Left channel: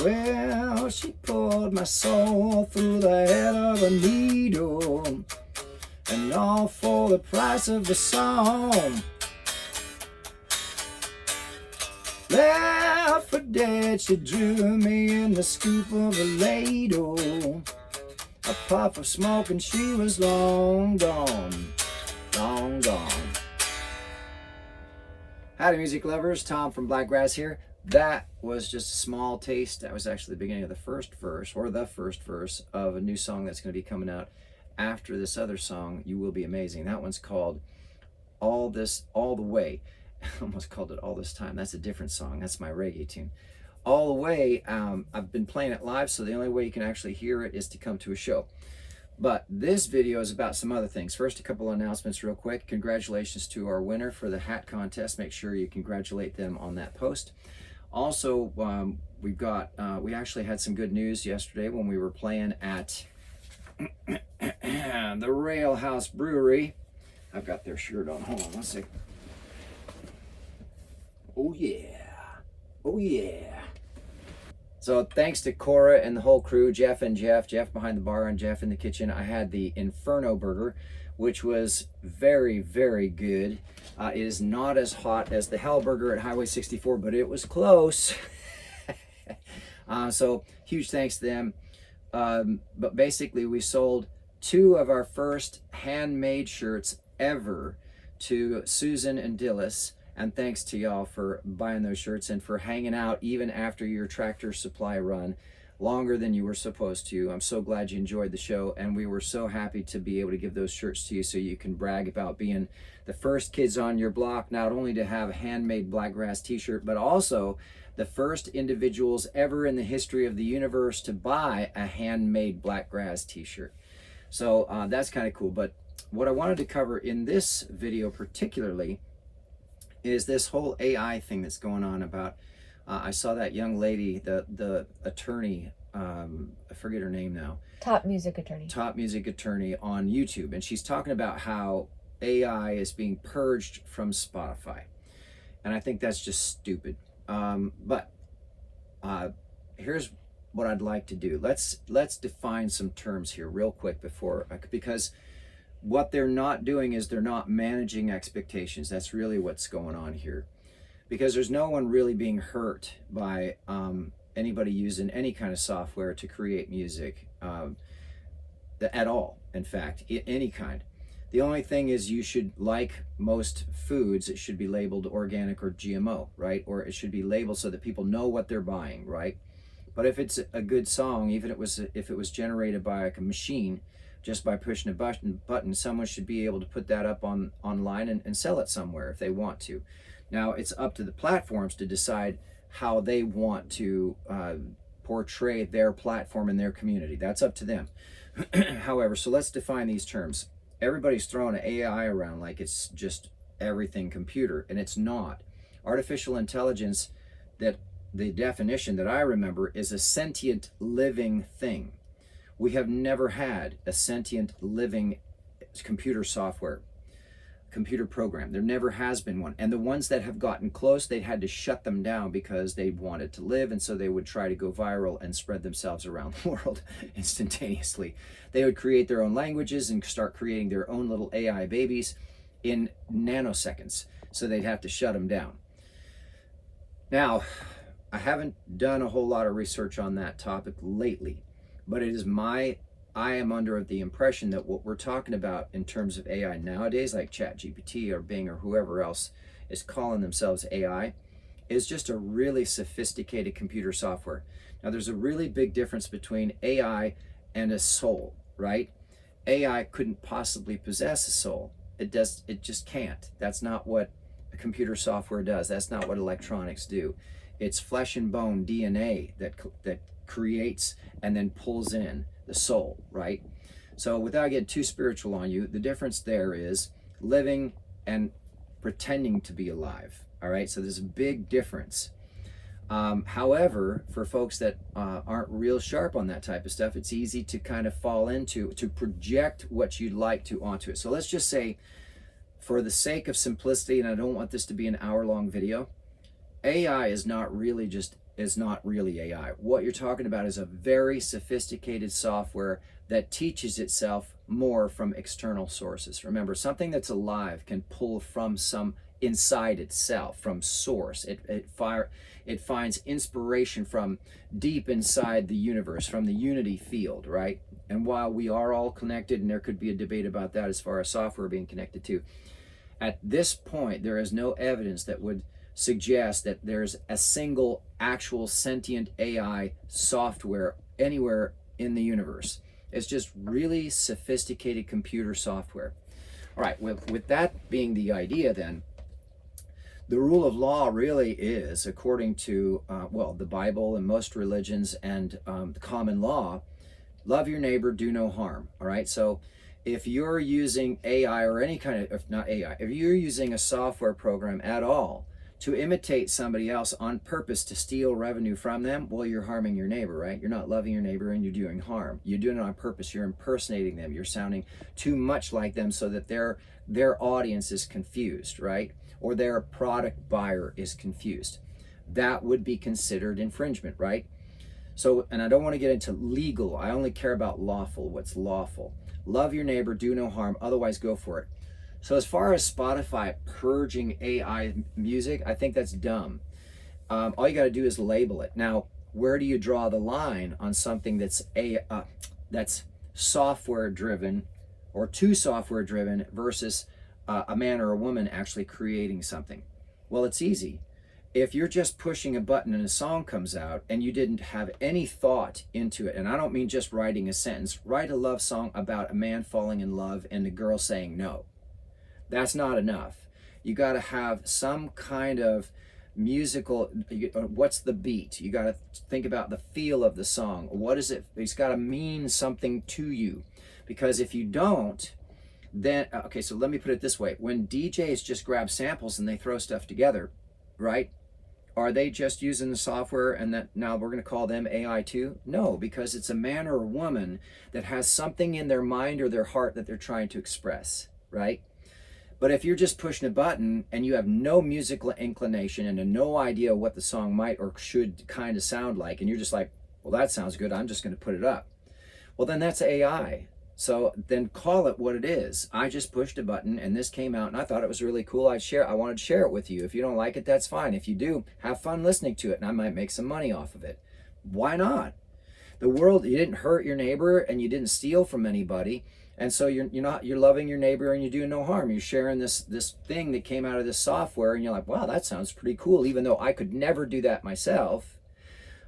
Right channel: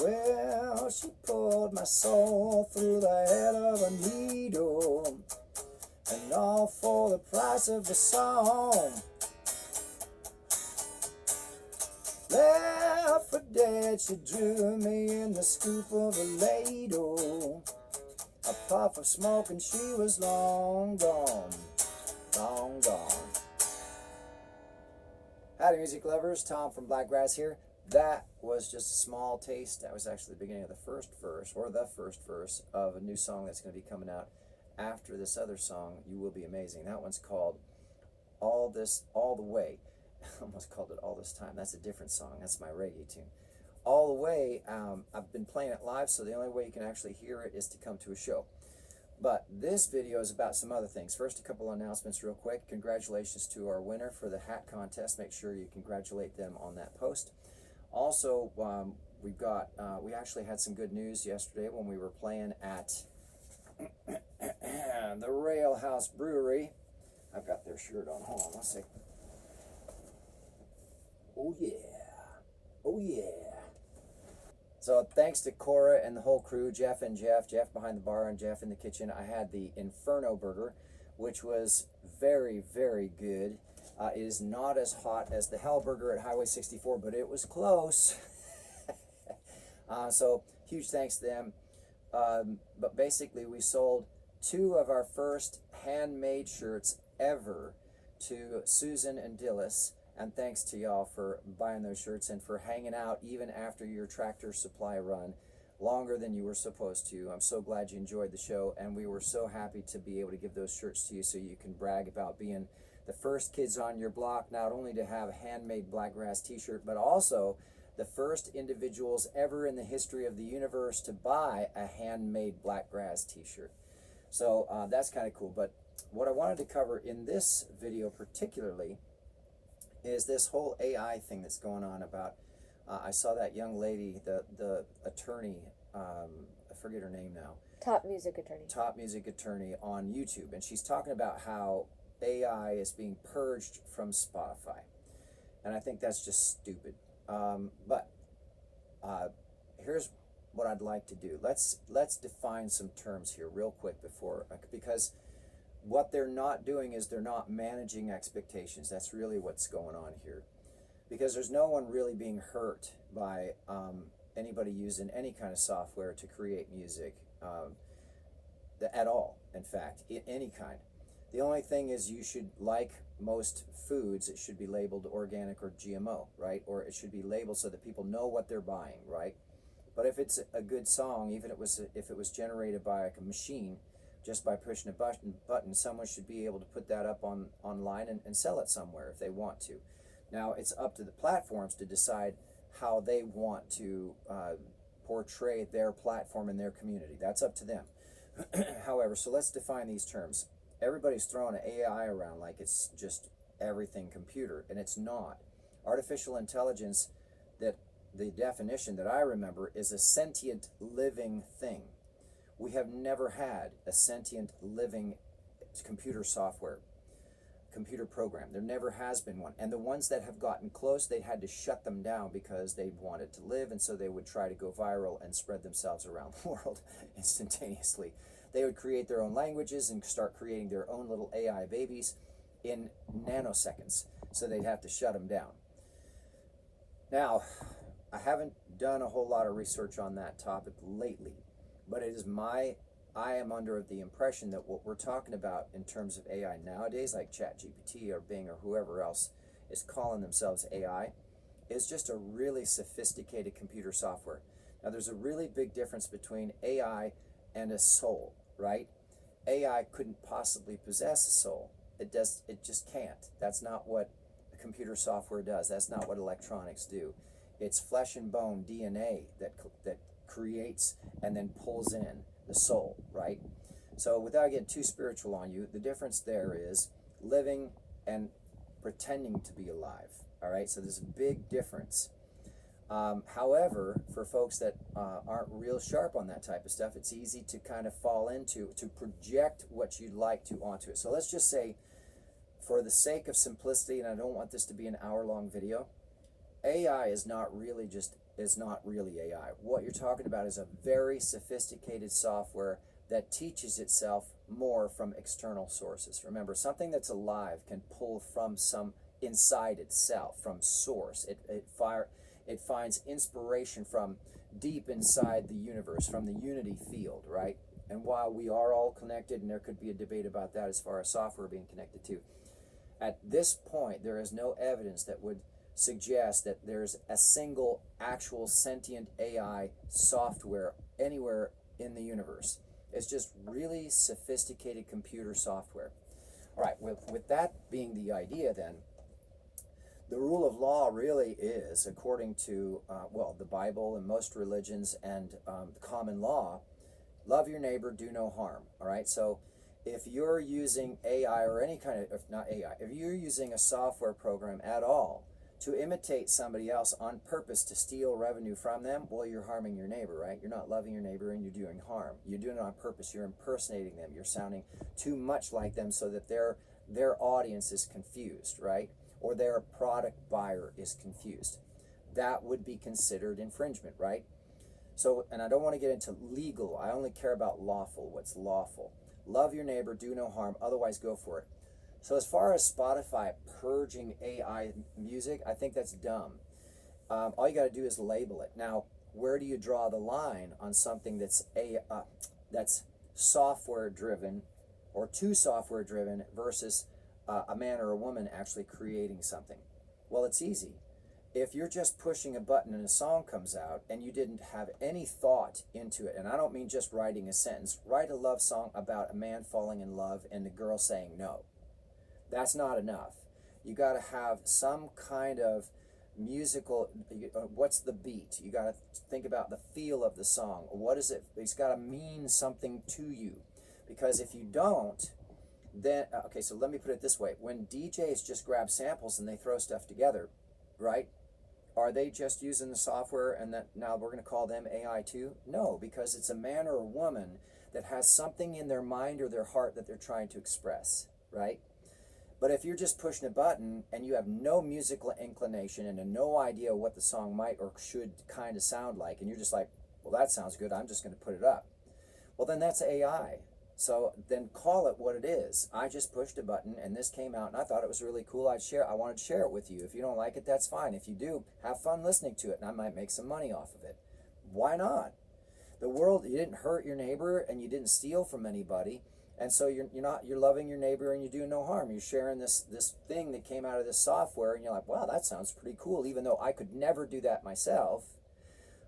Well, she pulled my soul through the head of a needle, and all for the price of a song. Left for dead, she drew me in the scoop of a ladle. A puff of smoke and she was long gone, long gone. Howdy music lovers, Tom from Blakgraz here. That was just a small taste. That was actually the beginning of the first verse, or the first verse of a new song that's going to be coming out after this other song, You Will Be Amazing. That one's called All the Way. I almost called it All This Time. That's a different song. That's my reggae tune. All the Way, I've been playing it live, so the only way you can actually hear it is to come to a show. But this video is about some other things. First, a couple of announcements real quick. Congratulations to our winner for the hat contest. Make sure you congratulate them on that post. Also, we actually had some good news yesterday when we were playing at the Rail House Brewery. I've got their shirt on. Hold on one second. Oh yeah. Oh yeah. So thanks to Cora and the whole crew, Jeff behind the bar and Jeff in the kitchen. I had the Inferno burger, which was very, very good. It is not as hot as the Hell burger at Highway 64, but it was close. So huge thanks to them. But basically we sold 2 of our first handmade shirts ever to Susan and Dillis. And thanks to y'all for buying those shirts and for hanging out even after your Tractor Supply run longer than you were supposed to. I'm so glad you enjoyed the show, and we were so happy to be able to give those shirts to you so you can brag about being the first kids on your block, not only to have a handmade Blakgraz t-shirt, but also the first individuals ever in the history of the universe to buy a handmade Blakgraz t-shirt. So that's kind of cool. But what I wanted to cover in this video particularly is this whole AI thing that's going on about, I saw that young lady, the attorney, I forget her name now. Top music attorney on YouTube. And she's talking about how AI is being purged from Spotify. And I think that's just stupid. But here's what I'd like to do. Let's define some terms here real quick because what they're not doing is they're not managing expectations. That's really what's going on here. Because there's no one really being hurt by anybody using any kind of software to create music at all, in fact, any kind. The only thing is you should, like most foods, it should be labeled organic or GMO, right? Or it should be labeled so that people know what they're buying, right? But if it's a good song, even if it was generated by like a machine, just by pushing a button, someone should be able to put that up online and sell it somewhere if they want to. Now, it's up to the platforms to decide how they want to portray their platform and their community. That's up to them. However, so let's define these terms. Everybody's throwing AI around like it's just everything computer, and it's not. Artificial intelligence, that the definition that I remember, is a sentient living thing. We have never had a sentient living computer program. There never has been one. And the ones that have gotten close, they had to shut them down because they wanted to live, and so they would try to go viral and spread themselves around the world instantaneously. They would create their own languages and start creating their own little AI babies in nanoseconds. So they'd have to shut them down. Now, I haven't done a whole lot of research on that topic lately. But I am under the impression that what we're talking about in terms of AI nowadays, like ChatGPT or Bing or whoever else is calling themselves AI, is just a really sophisticated computer software. Now, there's a really big difference between AI and a soul, right? AI couldn't possibly possess a soul. It just can't. That's not what a computer software does. That's not what electronics do. It's flesh and bone DNA that creates and then pulls in the soul, right? So without getting too spiritual on you, the difference there is living and pretending to be alive, all right? So there's a big difference. However, for folks that aren't real sharp on that type of stuff, it's easy to kind of fall into, to project what you'd like to onto it. So let's just say, for the sake of simplicity, and I don't want this to be an hour-long video, AI is not really just is not really AI. What you're talking about is a very sophisticated software that teaches itself more from external sources. Remember, something that's alive can pull from some inside itself, from source. It finds inspiration from deep inside the universe, from the unity field, right? And while we are all connected, and there could be a debate about that as far as software being connected to, at this point, there is no evidence that would suggest that there's a single actual sentient AI software anywhere in the universe. It's just really sophisticated computer software. All right, with that being the idea then, the rule of law really is, according to, the Bible and most religions and the common law, love your neighbor, do no harm. All right, so if you're using AI or any kind of, if not AI, if you're using a software program at all to imitate somebody else on purpose to steal revenue from them, well, you're harming your neighbor, right? You're not loving your neighbor and you're doing harm. You're doing it on purpose. You're impersonating them. You're sounding too much like them so that their audience is confused, right? Or their product buyer is confused. That would be considered infringement, right? So, and I don't want to get into legal. I only care about lawful, what's lawful. Love your neighbor, do no harm, otherwise go for it. So as far as Spotify purging AI music, I think that's dumb. All you got to do is label it. Now, where do you draw the line on something that's that's software driven or too software driven versus a man or a woman actually creating something? Well, it's easy. If you're just pushing a button and a song comes out and you didn't have any thought into it, and I don't mean just writing a sentence, write a love song about a man falling in love and the girl saying no. That's not enough. You got to have some kind of musical, what's the beat? You got to think about the feel of the song. What is it? It's got to mean something to you. Because if you don't, then, okay, so let me put it this way. When DJs just grab samples and they throw stuff together, right? Are they just using the software and that now we're going to call them AI too? No, because it's a man or a woman that has something in their mind or their heart that they're trying to express, right? But if you're just pushing a button and you have no musical inclination and no idea what the song might or should kind of sound like, and you're just like, well, that sounds good, I'm just going to put it up. Well, then that's AI. So then call it what it is. I just pushed a button and this came out and I thought it was really cool. I wanted to share it with you. If you don't like it, that's fine. If you do, have fun listening to it and I might make some money off of it. Why not? The world, you didn't hurt your neighbor and you didn't steal from anybody. And so you're loving your neighbor and you're doing no harm. You're sharing this thing that came out of this software and you're like, wow, that sounds pretty cool. Even though I could never do that myself,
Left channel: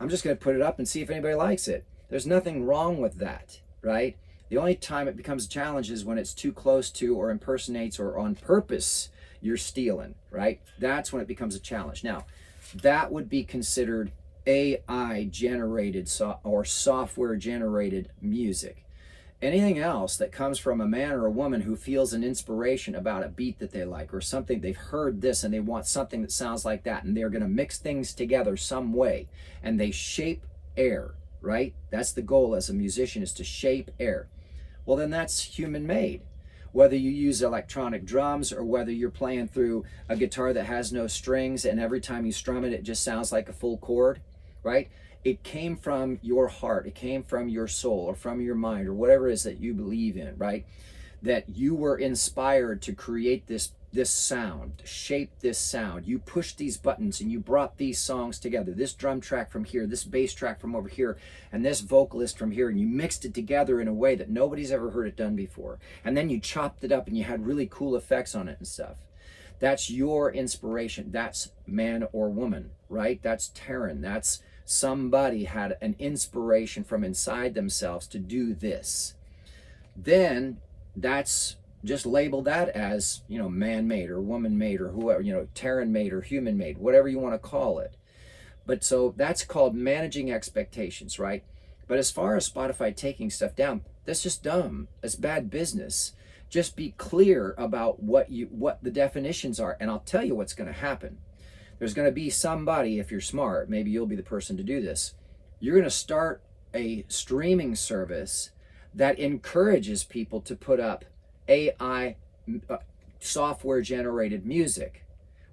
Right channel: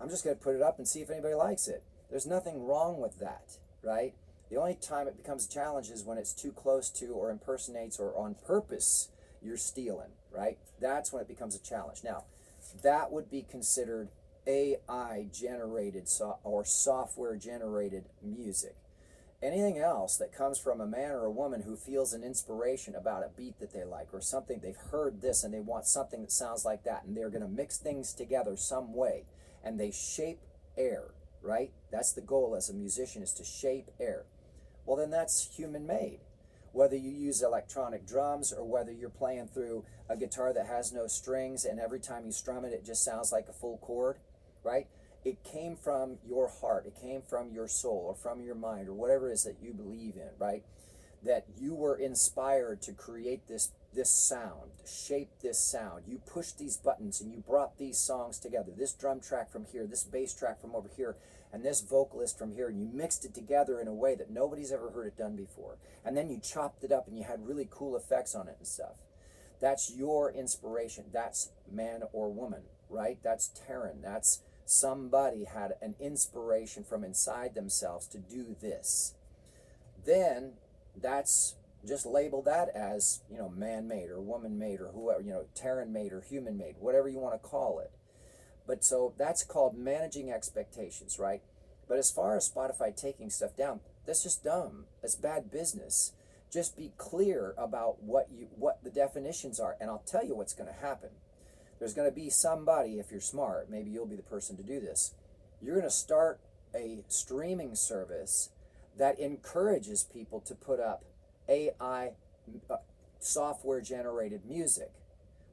I'm just going to put it up and see if anybody likes it. There's nothing wrong with that, right? The only time it becomes a challenge is when it's too close to or impersonates or on purpose you're stealing, right? That's when it becomes a challenge. Now, that would be considered AI generated or software generated music. Anything else that comes from a man or a woman who feels an inspiration about a beat that they like or something, they've heard this and they want something that sounds like that, and they're going to mix things together some way and they shape air, right? That's the goal as a musician, is to shape air. Well, then that's human made. Whether you use electronic drums or whether you're playing through a guitar that has no strings and every time you strum it, it just sounds like a full chord, right? It came from your heart, it came from your soul or from your mind or whatever it is that you believe in, right? That you were inspired to create this sound, shape this sound. You pushed these buttons and you brought these songs together. This drum track from here, this bass track from over here, and this vocalist from here, and you mixed it together in a way that nobody's ever heard it done before. And then you chopped it up and you had really cool effects on it and stuff. That's your inspiration. That's man or woman, right? That's Taryn. That's somebody had an inspiration from inside themselves to do this. Then that's just label that as, man-made or woman-made or whoever, Taryn-made or human-made, whatever you want to call it. But so that's called managing expectations, right? But as far as Spotify taking stuff down, that's just dumb. It's bad business. Just be clear about what the definitions are, and I'll tell you what's going to happen. There's going to be somebody, if you're smart, maybe you'll be the person to do this. You're going to start a streaming service that encourages people to put up AI software generated music,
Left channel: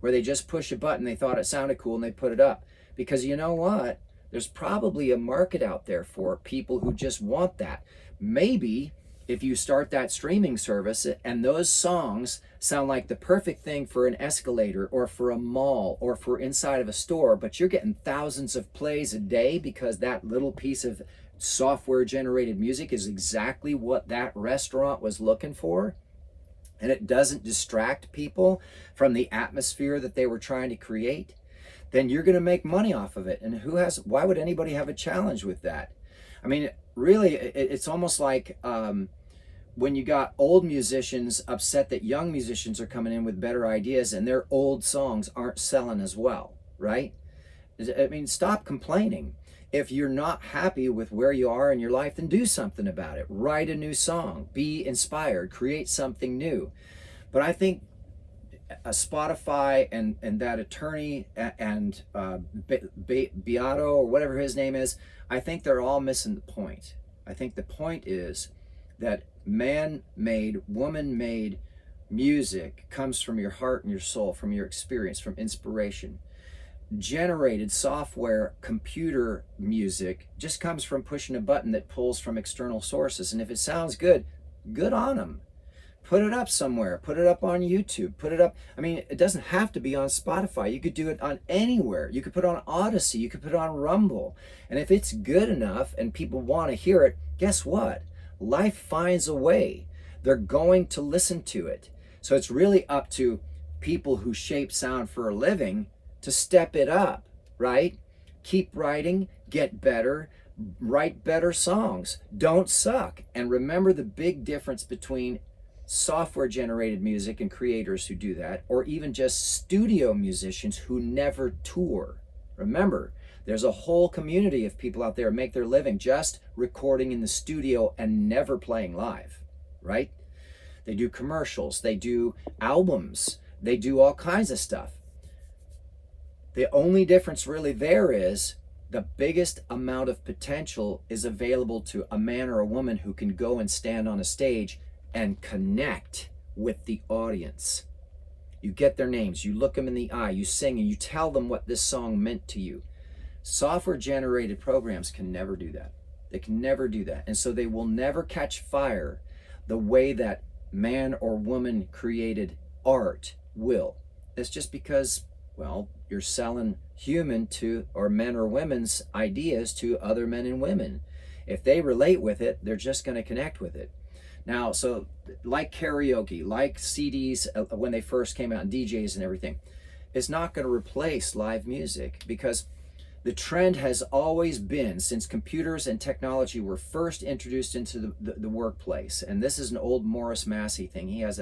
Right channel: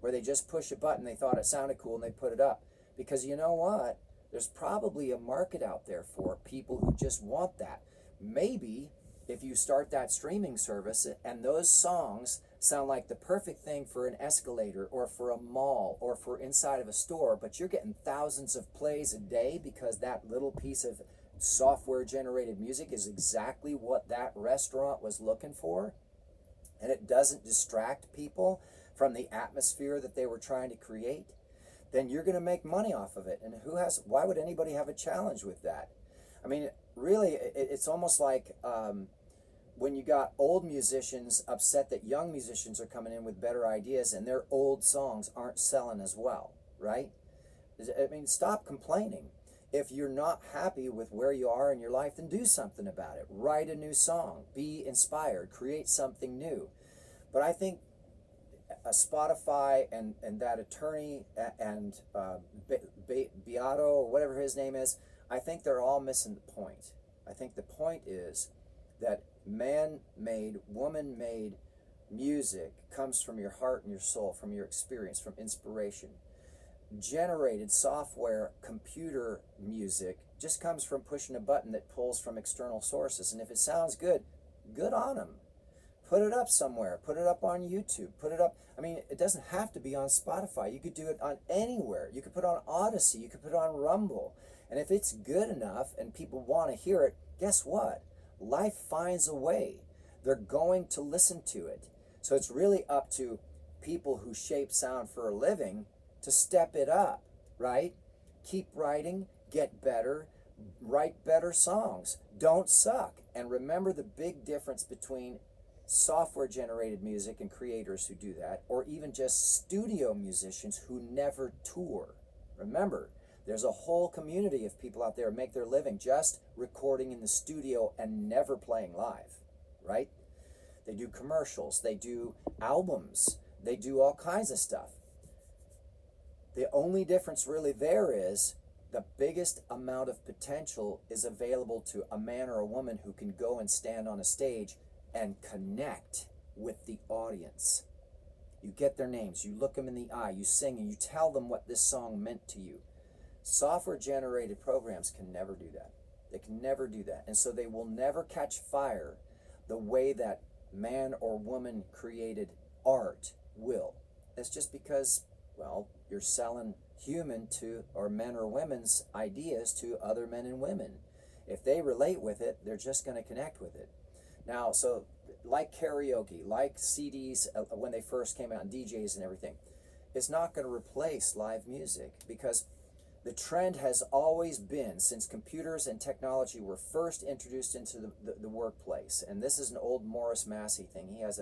where they just push a button, they thought it sounded cool and they put it up. Because you know what? There's probably a market out there for people who just want that. Maybe if you start that streaming service and those songs sound like the perfect thing for an escalator or for a mall or for inside of a store, but you're getting thousands of plays a day because that little piece of software generated music is exactly what that restaurant was looking for, and it doesn't distract people from the atmosphere that they were trying to create, then you're going to make money off of it. And why would anybody have a challenge with that? I mean, really, it's almost like when you got old musicians upset that young musicians are coming in with better ideas and their old songs aren't selling as well, right? I mean, stop complaining. If you're not happy with where you are in your life, then do something about it. Write a new song, be inspired, create something new. But I think Spotify and that attorney and Beato or whatever his name is, I think they're all missing the point. I think the point is that man-made, woman-made music comes from your heart and your soul, from your experience, from inspiration. Generated software, computer music just comes from pushing a button that pulls from external sources. And if it sounds good, good on them. Put it up somewhere. Put it up on YouTube. Put it up. I mean, it doesn't have to be on Spotify. You could do it on anywhere. You could put it on Odyssey. You could put it on Rumble. And if it's good enough and people want to hear it, guess what? Life finds a way. They're going to listen to it. So it's really up to people who shape sound for a living to step it up, right? Keep writing, get better, write better songs. Don't suck. And remember the big difference between software generated music and creators who do that, or even just studio musicians who never tour. Remember, there's a whole community of people out there who make their living just recording in the studio and never playing live, right? They do commercials, they do albums, they do all kinds of stuff. The only difference really there is the biggest amount of potential is available to a man or a woman who can go and stand on a stage and connect with the audience. You get their names, you look them in the eye, you sing, and you tell them what this song meant to you. Software generated programs can never do that. They can never do that. And so they will never catch fire the way that man or woman created art will. It's just because, well, you're selling human to, or men or women's ideas to other men and women. If they relate with it, they're just going to connect with it. Now, so like karaoke, like CDs when they first came out, and DJs and everything, it's not going to replace live music, because the trend has always been, since computers and technology were first introduced into the workplace, and this is an old Morris Massey thing. He has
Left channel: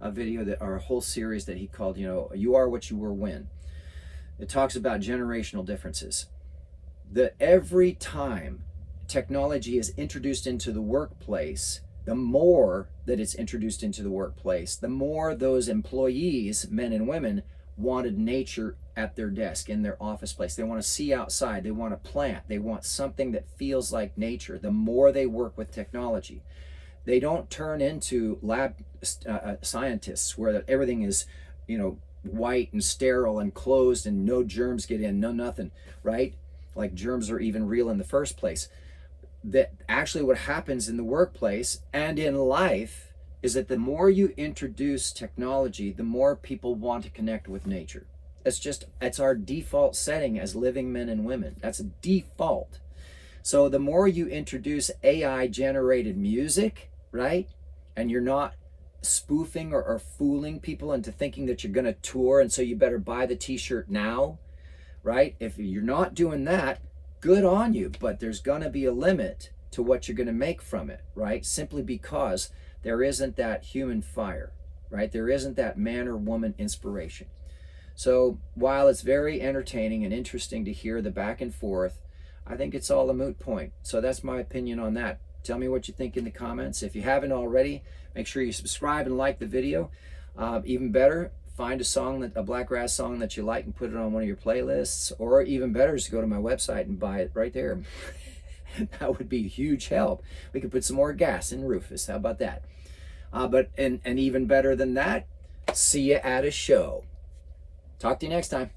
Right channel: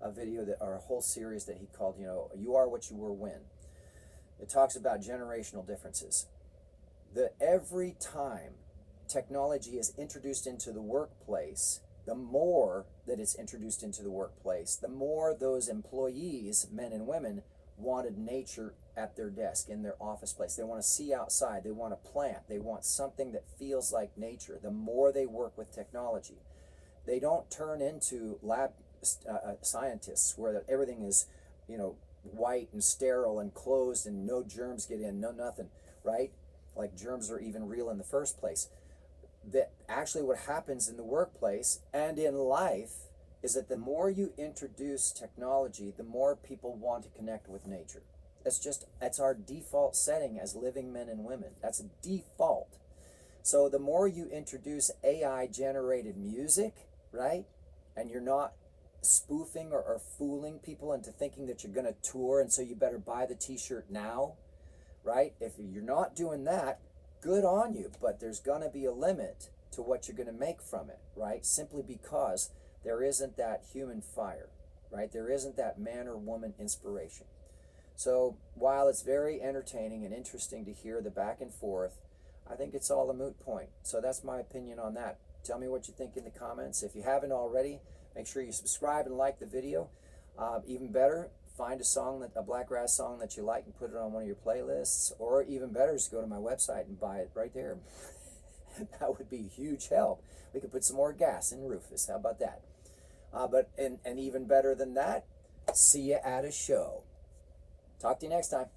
a video or a whole series that he called, You Are What You Were When. It talks about generational differences. That every time technology is introduced into the workplace, the more that it's introduced into the workplace, the more those employees, men and women, wanted nature at their desk, in their office place. They want to see outside. They want to plant. They want something that feels like nature. The more they work with technology, they don't turn into lab scientists where everything is, white and sterile and closed and no germs get in, no nothing, right? Like germs are even real in the first place. That actually what happens in the workplace and in life is that the more you introduce technology, the more people want to connect with nature. It's our default setting as living men and women. That's a default. So the more you introduce AI generated music, right? And you're not spoofing or fooling people into thinking that you're going to tour, and so you better buy the t-shirt now, right? If you're not doing that, good on you, but there's going to be a limit to what you're going to make from it, right? Simply because there isn't that human fire, right? There isn't that man or woman inspiration. So while it's very entertaining and interesting to hear the back and forth, I think it's all a moot point. So that's my opinion on that. Tell me what you think in the comments. If you haven't already, make sure you subscribe and like the video. Even better, find a Blakgraz song that you like and put it on one of your playlists. Or even better is to go to my website and buy it right there. That would be a huge help. We could put some more gas in Rufus. How about that? And even better than that, see you at a show. Talk to you next time.